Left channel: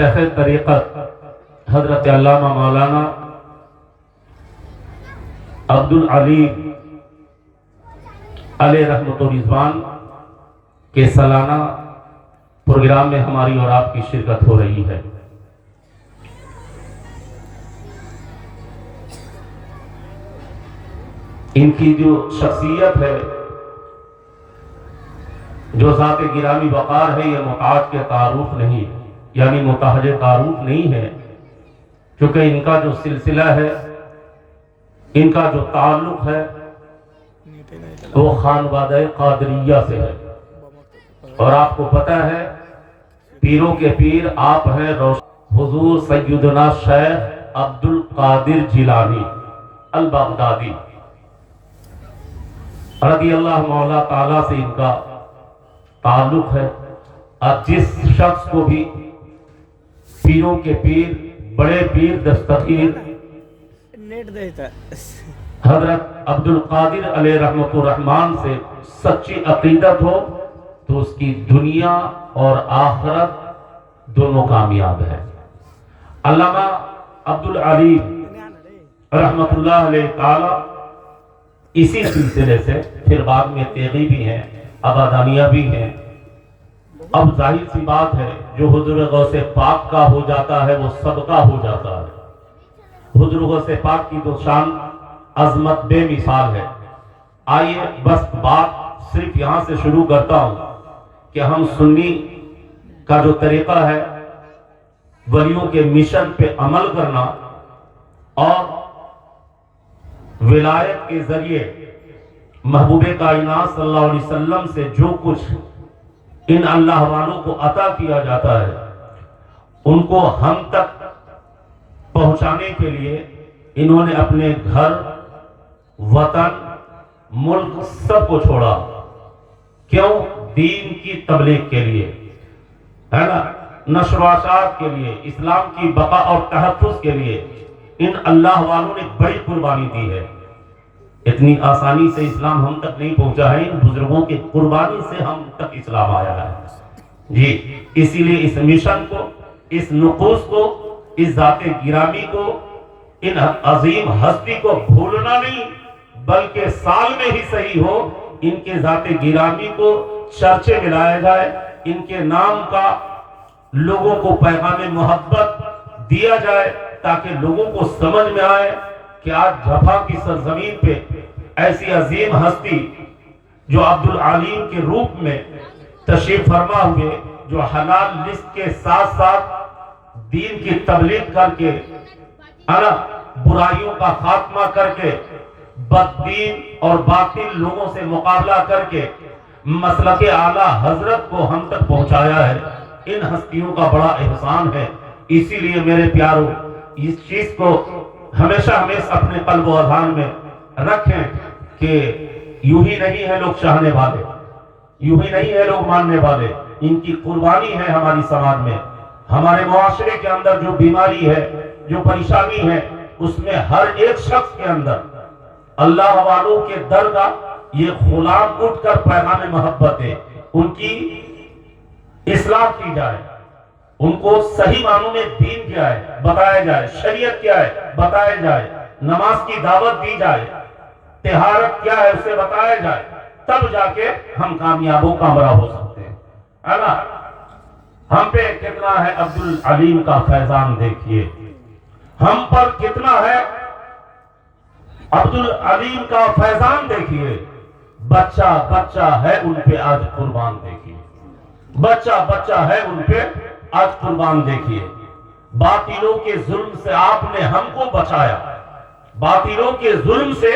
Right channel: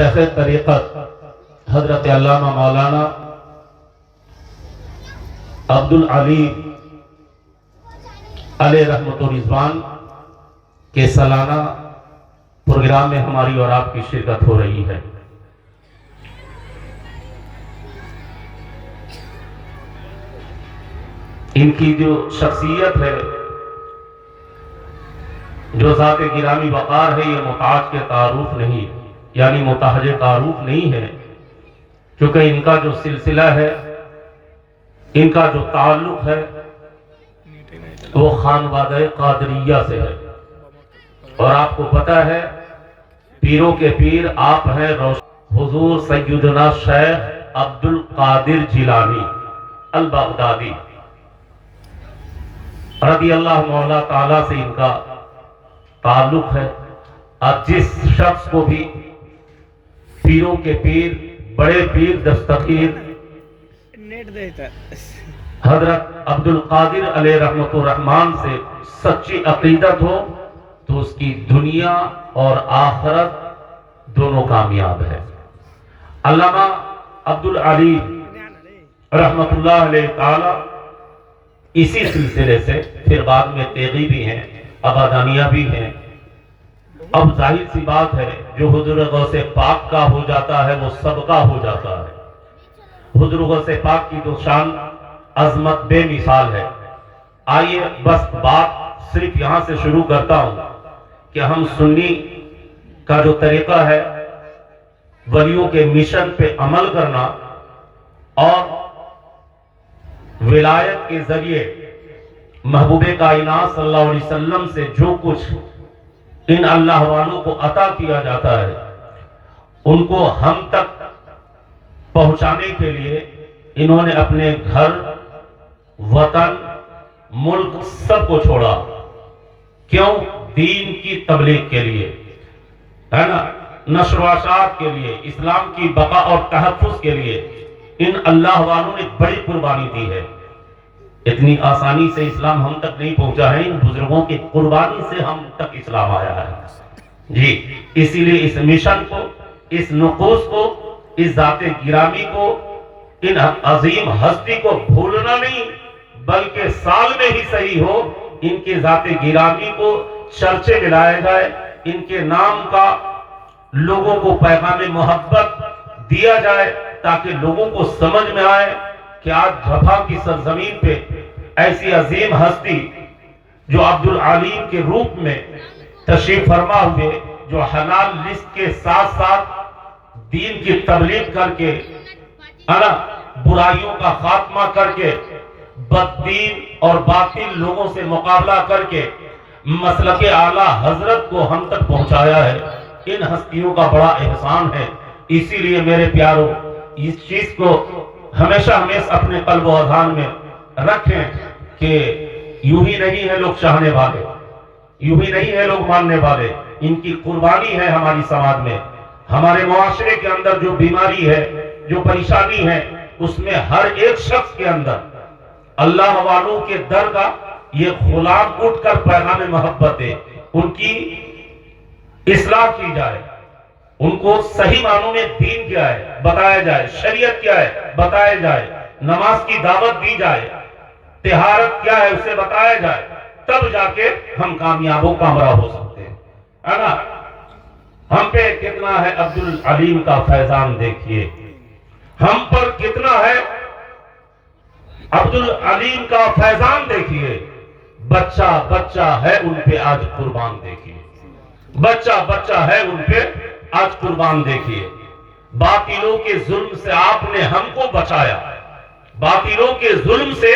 شیخ طریقت حضرت علامہ مولانا عبدالعلیم علیہ رحمت و رضوان کے سالانہ پروگرام میں ہماری اور آپ کی شرکت ہو رہی ہے۔ ان کی جو شخصیت ہے، جو ذات گرامی وقار ہے، یہ محتاج کے تعارف نہیں، یعنی محتاج تعارف نہیں ہے، کیونکہ ان کا جو سلسلہ ہے، ان کا جو تعلق ہے وہ خانوادہ قادریہ سے ہے۔ اور آپ کو پتہ ہے پیروں کے پیر آپ ہیں حضور سیدنا شیخ عبد القادر جیلانی البغدادی رضی اللہ مولا تعالیٰ سے ان کا تعلق ہے۔ اور جس شخص کو بھی پیروں کے پیر، بڑے پیر دستگیر حضرت عبد القادر علیہ رحمت الرحمن سے سچی عقیدت ہو تو اس کی دنیا اور آخرت دونوں کامیاب ہے۔ علامہ عبدالعلیم رحمت اللہ علیہ تعالی اسی سلسلے سے پھر بعد میں تیغی بھی ہیں، ابادانیہ بھی ہیں۔ اب ظاہر سی بات ہے جو حضور غوث پاک کا ہو جاتا ہے وہ سب کا ہو جاتا ہے۔ حضور غوث پاک کی تو شان عظمت بے مثال ہے۔ آئیے بس بات صرف یہاں سے شروع کرتا ہوں کہ ہم سنی کا جو طریقہ ہے ولیوں کے مشن پہ عمل کرنا اور ولایت کے ذریعے محبوب کائنات صلی اللہ علیہ وسلم سے جو کچھ ان اللہ والوں کو عطا کیا جاتا ہے ان کو ہم تک پہنچانے کے لیے انہوں نے اپنے گھر، وطن، ملک سب کو چھوڑا۔ کیوں؟ دین کی تبلیغ کے لیے، ہے نا، نشر و اشاعت کے لیے، اسلام کی بقا اور تحفظ کے لیے ان اللہ والوں نے بڑی قربانی دی ہے۔ اتنی آسانی سے اسلام ہم تک نہیں پہنچا ہے، ان بزرگوں کی قربانی سے ہم تک اسلام آیا ہے جی۔ اسی لیے اس مشن کو، اس نقوص کو، اس ذات گرامی کو، ان عظیم ہستی کو بھولنا نہیں، بلکہ سال میں ہی صحیح ہو ان کے ذات گرامی کو چرچے میں لایا جائے، ان کے نام کا لوگوں کو پیغام محبت دیا جائے تاکہ لوگوں کو سمجھ میں آئے کہ آج جفا کی سرزمین پہ ایسی عظیم ہستی جو عبدالعلیم کے روپ میں تشریف فرما ہوئے، جو حلال رزق کے ساتھ ساتھ دین کی تبلیغ کر کے برائیوں کا خاتمہ کر کے بددین اور باطل لوگوں سے مقابلہ کر کے مسلک اعلیٰ حضرت کو ہم تک پہنچایا ہے، ان ہستیوں کا بڑا احسان ہے۔ اسی لیے میرے پیاروں اس چیز کو ہمیشہ اپنے قلب و اذہان میں رکھیں کہ یوں ہی نہیں ہے لوگ چاہنے والے، یوں ہی نہیں ہے لوگ ماننے والے، ان کی قربانی ہے ہماری سماج میں، ہمارے معاشرے کے اندر جو بیماری ہے، جو پریشانی ہے، اس میں ہر ایک شخص کے اندر اللہ والوں کے در کا یہ غلام اٹھ کر پیغام محبت ہے، ان کی اصلاح کی جائے، ان کو صحیح معنوں میں دین کیا ہے بتایا جائے، شریعت کیا ہے بتایا جائے، نماز کی دعوت دی جائے، طہارت کیا ہے اسے بتایا جائے، تب جا کے ہم کامیاب و کامراب ہو سکتے ہیں، ہے نا۔ ہم پہ کتنا ہے عبدالعلیم کا فیضان دیکھیے، ہم پر کتنا ہے عبدالعلیم کا فیضان دیکھیے۔ بچہ بچہ ہے ان پہ آج قربان دیکھیے، بچہ بچہ ہے ان پہ آج قربان دیکھیے۔ باطلوں کے ظلم سے آپ نے ہم کو بچایا، باطلوں کے ظلم سے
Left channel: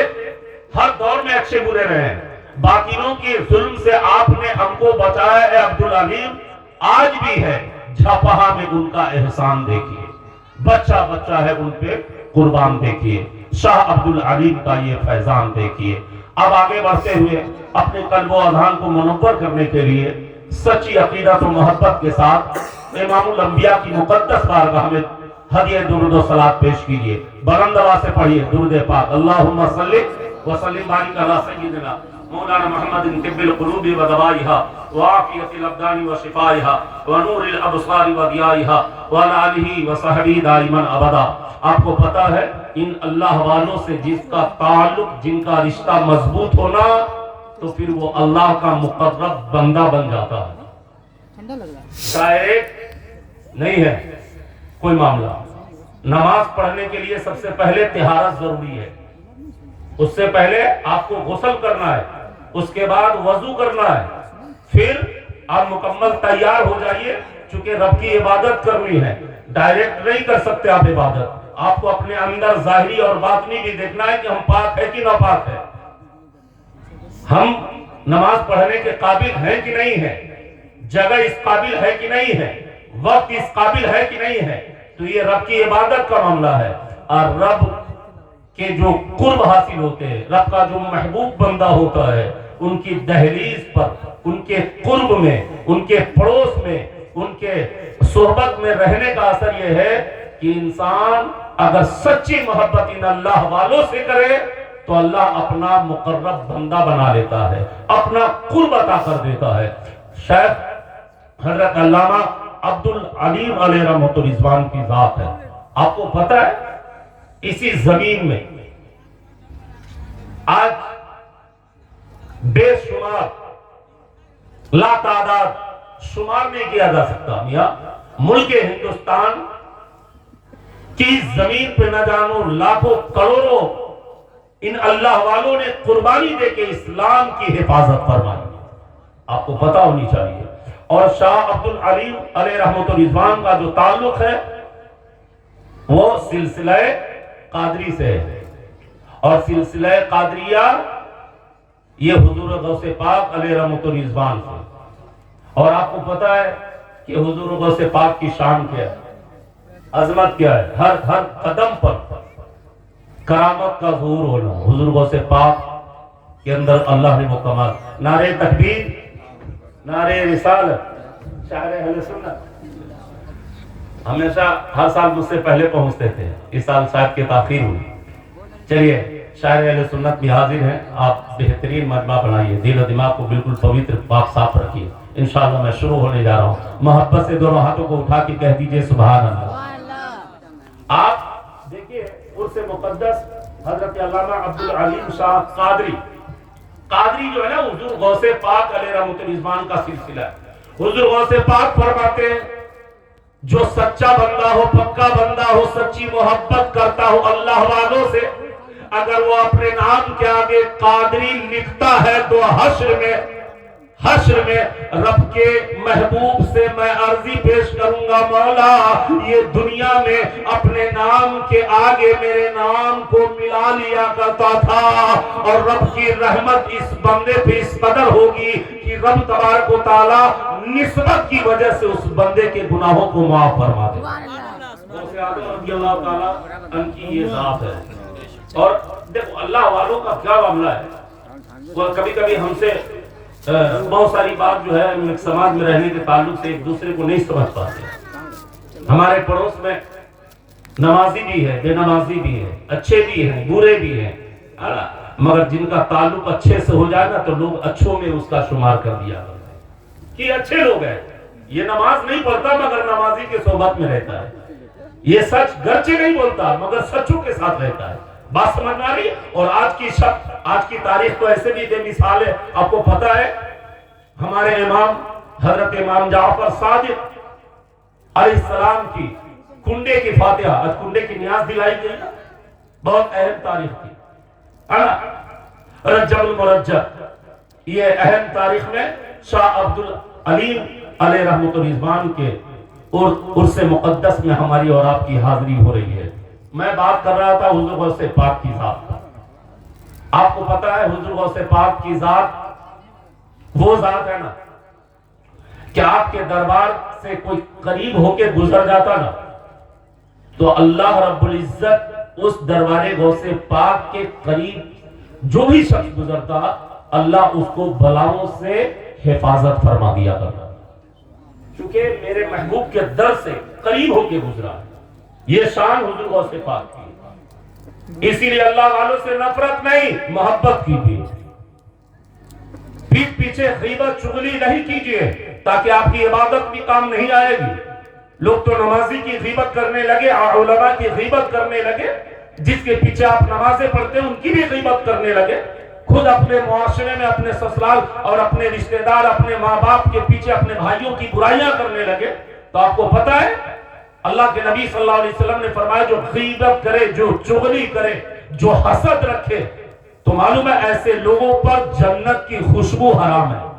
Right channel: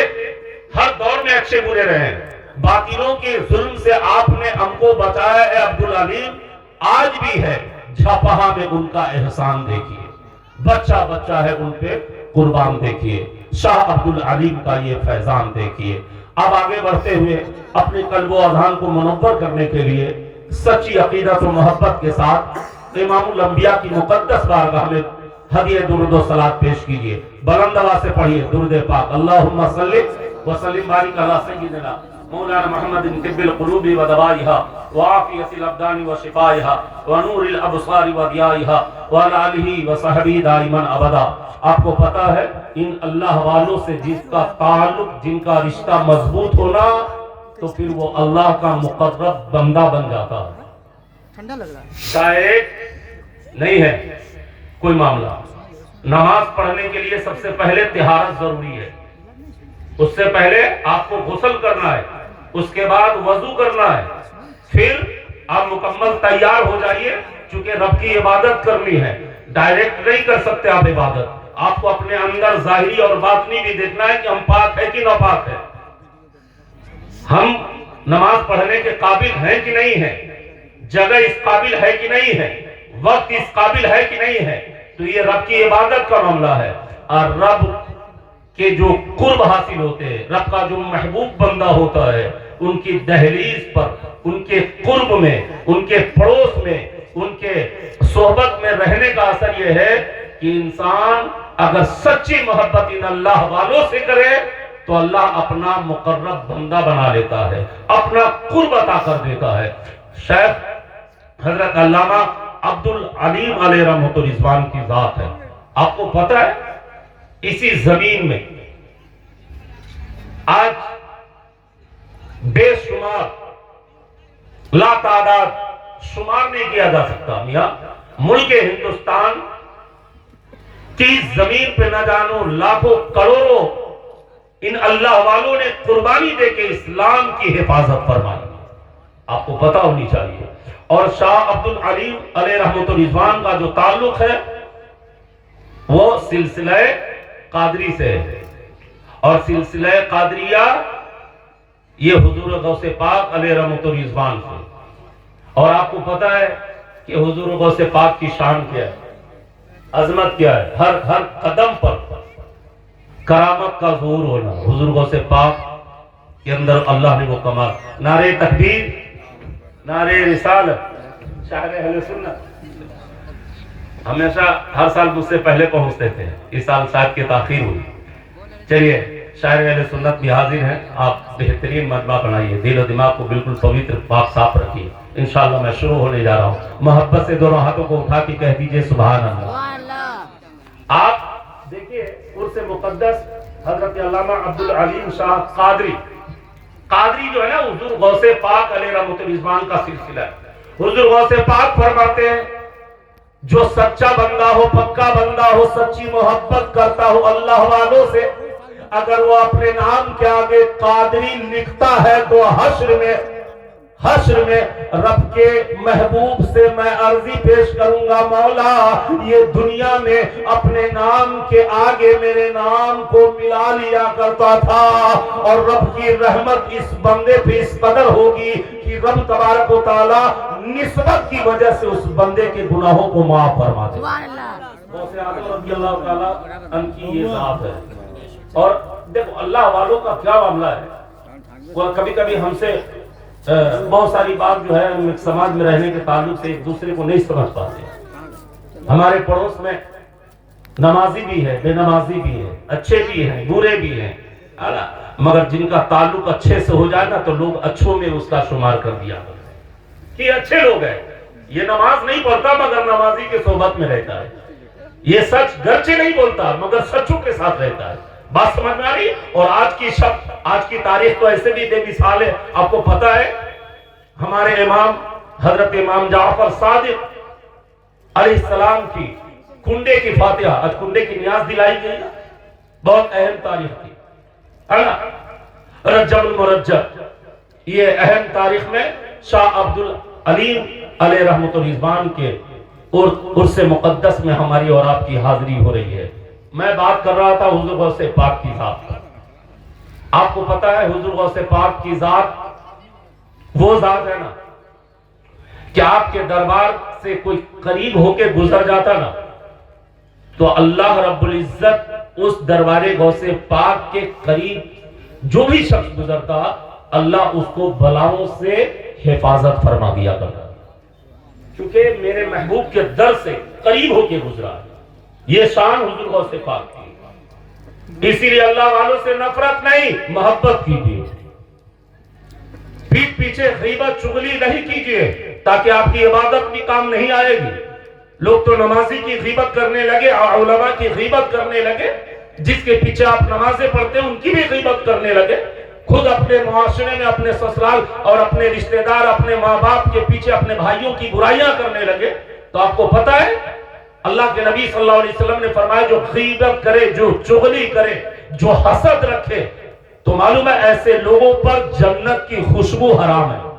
ہر دور میں اچھے برے رہے ہیں، باطلوں کے ظلم سے آپ نے ہم کو بچایا ہے عبدالعلیم، آج بھی ہے۔ جھپہا میں ان کا احسان دیکھیے، بچہ بچہ ہے ان پہ قربان دیکھیے۔ شاہ عبدالعلیم کا یہ فیضان دیکھیے۔ اب آگے بڑھتے ہوئے اپنے قلب و اذہان کو منور کرنے کے لیے سچی عقیدت و محبت کے ساتھ امام الانبیاء کی مقدس بارگاہ میں ہدیہ درود و صلوات پیش کیجئے۔ بلند آواز سے پڑھیے درود پاک، اللہم صلی وسلم بارک علی سیدنا مولانا محمد طب القلوب ودوائها وعافیت الابدان وشفائها ونور الابصار وضیائها وعلى آلہ وصحبہ دائما ابدا۔ آپ کو پتا ہے ان اللہ والوں سے جس کا تعلق، جن کا رشتہ مضبوط ہونا، تو پھر وہ اللہ کا مقرب بندہ بن جاتا ہے۔ شاید نہیں ہے کوئی معاملہ، نماز پڑھنے کے لیے سب سے پہلے طہارت ضروری ہے، اس سے پہلے آپ کو غسل کرنا ہے، اس کے بعد وضو کرنا ہے، پھر آپ مکمل تیار ہو جائیے، چونکہ رب کی عبادت کرنی ہے، ڈائریکٹ نہیں کر سکتے آپ عبادت، آپ کو اپنے اندر ظاہری اور باطنی بھی دیکھنا ہے کہ ہم پاک ہے کہ ناپاک ہے، ہم نماز پڑھنے کے قابل ہیں کہ نہیں ہیں، جگہ اس قابل ہے کہ نہیں ہے، وقت اس قابل ہے کہ نہیں ہے، تو یہ رب کی عبادت کا معاملہ ہے۔ اور رب کے جو قرب حاصل ہوتے ہیں، رب کا جو محبوب بندہ ہوتا ہے، ان کی دہلیز پر، ان کے قرب میں، ان کے پڑوس میں، ان کے صحبت میں رہنے کا اثر یہ ہے کہ انسان اگر سچی محبت ان اللہ والوں سے کرے تو اللہ اپنا مقرب بندہ بنا لیتا ہے، اپنا قرب عطا کر دیتا ہے۔ شیخ حضرت علامہ عبدالعلیم علیہ رحمۃ الرضوان کی ذات ہے، آپ کو پتہ ہے اسی زمین میں آج بے شمار لا تعداد شمار نہیں کیا جا سکتا میاں، ملک ہندوستان کی زمین پہ نہ جانو لاکھوں کروڑوں ان اللہ والوں نے قربانی دے کے اسلام کی حفاظت فرمائی، آپ کو پتہ ہونی چاہیے۔ اور شاہ عبدالعلیم علیہ رحمۃ الرضوان کا جو تعلق ہے وہ سلسلہ قادری سے ہے، اور سلسلہ قادریہ یہ حضور غوث پاک علیہ رحمۃ الرضوان سے، اور آپ کو پتہ ہے کہ حضور غوث پاک کی شان کیا ہے، عظمت کیا ہے، ہر قدم پر کرامت کا ظہور ہونا، حضور غوث پاک کے اندر اللہ نے وہ کمال۔ نعرہ تکبیر، نعرہ رسالت، شاعر اہل سنت ہمیشہ ہر سال مجھ سے پہلے پہنچتے تھے، اس سال شاید کی تاخیر ہوئی۔ چلیے شاعر اہل سنت بھی حاضر ہیں، آپ بہترین مجمع بنائیے، دل و دماغ کو بالکل پوتر پاک صاف رکھیے۔ انشاءاللہ میں شروع ہونے جا رہا ہوں، محبت سے دونوں ہاتھوں کو اٹھا کے کہہ دیجئے سبحان اللہ۔ آپ دیکھیے عرس مقدس حضرت علامہ عبدالعلیم شاہ قادری جو ہے نا، حضور غوث پاک علیہ رحمۃ الرضوان کا سلسلہ ہے۔ حضور غوث پاک فرماتے ہیں جو سچا بندہ ہو، پکا بندہ ہو، سچی محبت کرتا ہو اللہ والوں سے، اگر وہ اپنے نام کے آگے قادری لکھتا ہے تو حشر میں رب کے محبوب سے میں عرضی پیش کروں گا، مولا یہ دنیا میں اپنے نام کے آگے میرے نام کو ملا لیا کرتا تھا، اور رب کی رحمت اس بندے پہ اس قدر ہوگی کہ رب تبارک و تعالی نسبت کی وجہ سے اس بندے کے گناہوں کو معاف فرما دے۔ غوث اعظم رضی اللہ تعالی ان کی یہ ذات ہے۔ اور دیکھو اللہ والوں کا کیا معاملہ ہے، وہ کبھی کبھی ہم سے بہت ساری بات جو ہے سماج میں رہنے کے تعلق سے ایک دوسرے کو نہیں سمجھ پاتے۔ ہمارے پڑوس میں نمازی بھی ہے، بے نمازی بھی ہے، اچھے بھی ہیں، برے بھی ہیں، مگر جن کا تعلق اچھے سے ہو جائے نا تو لوگ اچھوں میں اس کا شمار کر دیا کہ اچھے لوگ ہیں، یہ نماز نہیں پڑھتا مگر نمازی کے صحبت میں رہتا ہے، یہ سچ گرچہ نہیں بولتا مگر سچوں کے ساتھ رہتا ہے۔ بات سمجھ میں آ رہی؟ اور آج کی تاریخ تو ایسے بھی بے مثال ہے، آپ کو پتہ ہے ہمارے امام حضرت امام جعفر صادق علیہ السلام کی کنڈے کی فاتحہ، آج کنڈے کی نیاز دلائی گئی نا، بہت اہم تاریخ تھی، رجب المرجب، یہ اہم تاریخ میں شاہ عبدالعلیم علیہ رحمۃ الرضوان کے عرس مقدس میں ہماری اور آپ کی حاضری ہو رہی ہے۔ میں بات کر رہا تھا حضور غوث پاک کی ذات کا، آپ کو پتہ ہے حضور غوث پاک کی ذات وہ ذات ہے نا کہ آپ کے دربار سے کوئی قریب ہو کے گزر جاتا نا تو اللہ رب العزت اس دربار غوث پاک کے قریب جو بھی شخص گزرتا اللہ اس کو بلاؤں سے حفاظت فرما دیا کرتا، چونکہ میرے محبوب کے در سے قریب ہو کے گزرا ہے۔ یہ شان حضور غوث پاک کی، اسی لیے اللہ والوں سے نفرت نہیں محبت کی بھی، پیٹھ پیچھے غیبت چغلی نہیں کیجئے تاکہ آپ کی عبادت بھی کام نہیں آئے گی۔ لوگ تو نمازی کی غیبت کرنے لگے اور علماء کی غیبت کرنے لگے، جس کے پیچھے آپ نمازیں پڑھتے ہیں ان کی بھی غیبت کرنے لگے، خود اپنے معاشرے میں اپنے سسرال اور اپنے رشتہ دار اپنے ماں باپ کے پیچھے اپنے بھائیوں کی برائیاں کرنے لگے۔ تو آپ کو پتہ ہے اللہ کے نبی صلی اللہ علیہ وسلم نے فرمایا جو غیبت کرے، جو چغلی کرے، جو حسد رکھے، تو معلوم ہے ایسے لوگوں پر جنت کی خوشبو حرام ہے۔